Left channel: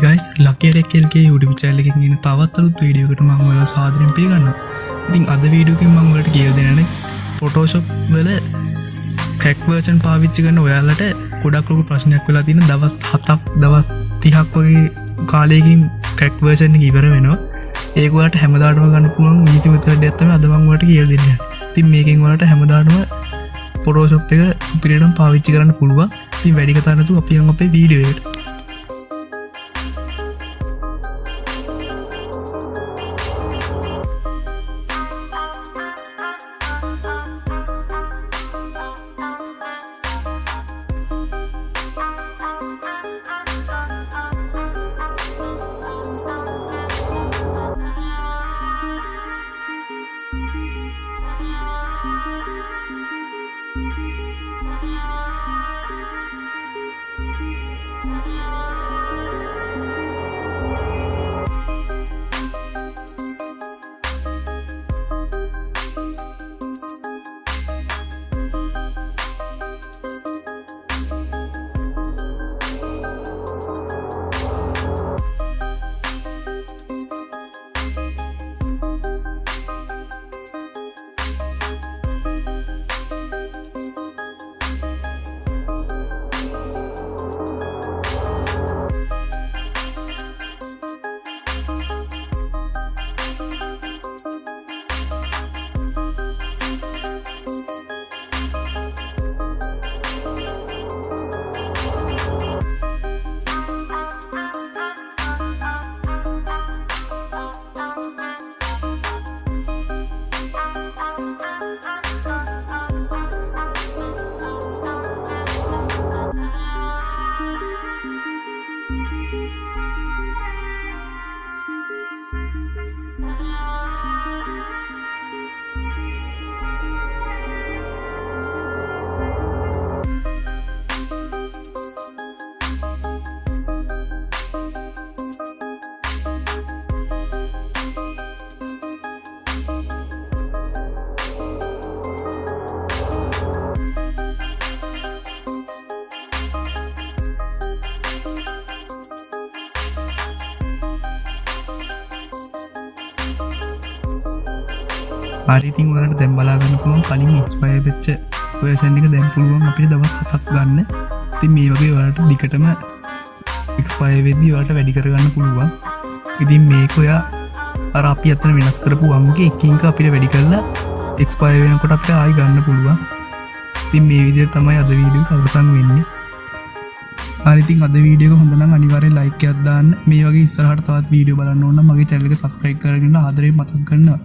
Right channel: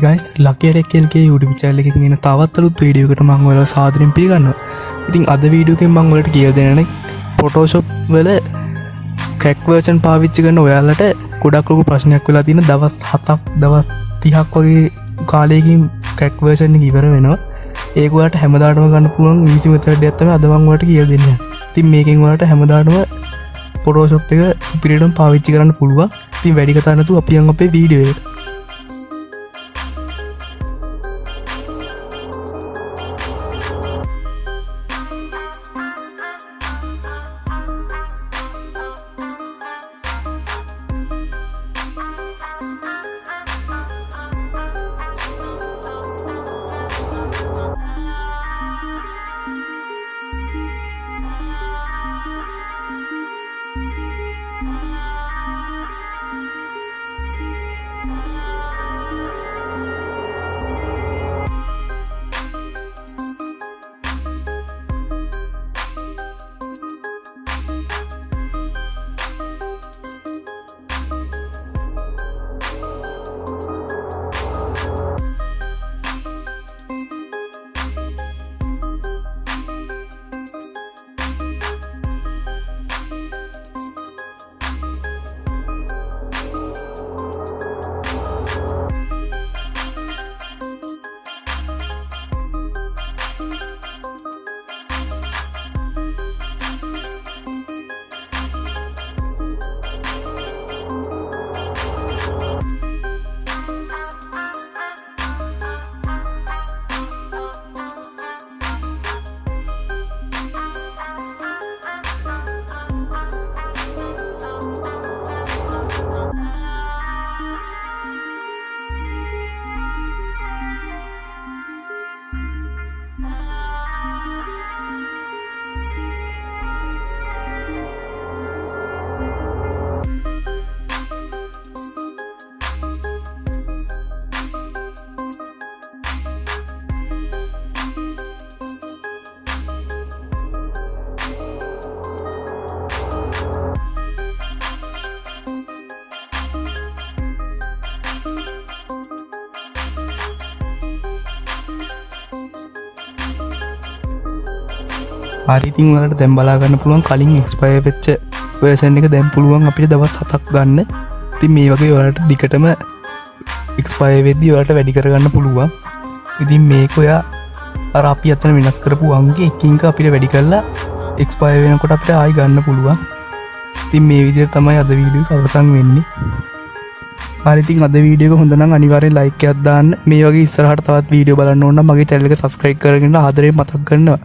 Hi guys, Lucky RKLගේ YouTube channel එකකින් එන තවත් අලුත් වීඩියෝ එකකට මම ඔයාලා සාදරයෙන් පිළිගන්නවා. ඉතින් අද වීඩියෝ එකෙන් මම ඔයාලට කියලා දෙන්නේ Photoshop වල crack version පාවිච්චි කරන ඔයාලට ගොඩක් ලොකු ප්‍රශ්නයක් වෙලා තියෙන දවස් 7ක් දවස් 30ක් වගේ කාලයකින් crack version එක ඉවර වෙනවා. ඒක ඔයාලට හැමදාටම ගන්න පුළුවන් easy method එකක් තමයි අද මම ඔයාලට කියලා දෙන්නේ. ඉතින් මේකෙන් ඔයාලට හැමදාටම Photoshop එක සුපිරියටම පාවිච්චි කරන්න පුළුවන්. ඉතින් වැඩි කතා නැතුව අපි යමු අපේ වීඩියෝ එකට. ආරිතින් වලට දැන් බලා ගන්න පුළුවන් කලින් එක්ස්පයර් වෙච්ච version එක දැන් පුළුවන් අපිට දවස් 7ක් ගන්න. ඉතින් මේ වගේ ඔයාලට දිගටම එක්ස්පයර් වෙද්දී ඔයාලට වැඩි කරගන්න පුළුවන්. ඉතින් මේක ඔයා අර අපි අතන වෙනස් කරපු අංගේ එකින් එක අපිට වැඩි කරලා එක්ස්පයර් වෙනකොට අපිට ආයි ගන්න පුළුවන්. ඉතින් මේ විදිහට තමයි අද වීඩියෝ එක අවසන් වෙන්නේ. ආරිතින් අද වීඩියෝ එක හොඳ නම් අනිවාර්යෙන් like එකක් දාන්න. මේ වගේ ඉස්සරහට තවත් වීඩියෝ බලන්න ඕන නම් මගේ channel එක subscribe කරගෙන ආදරයෙන් මතක් කරනවා.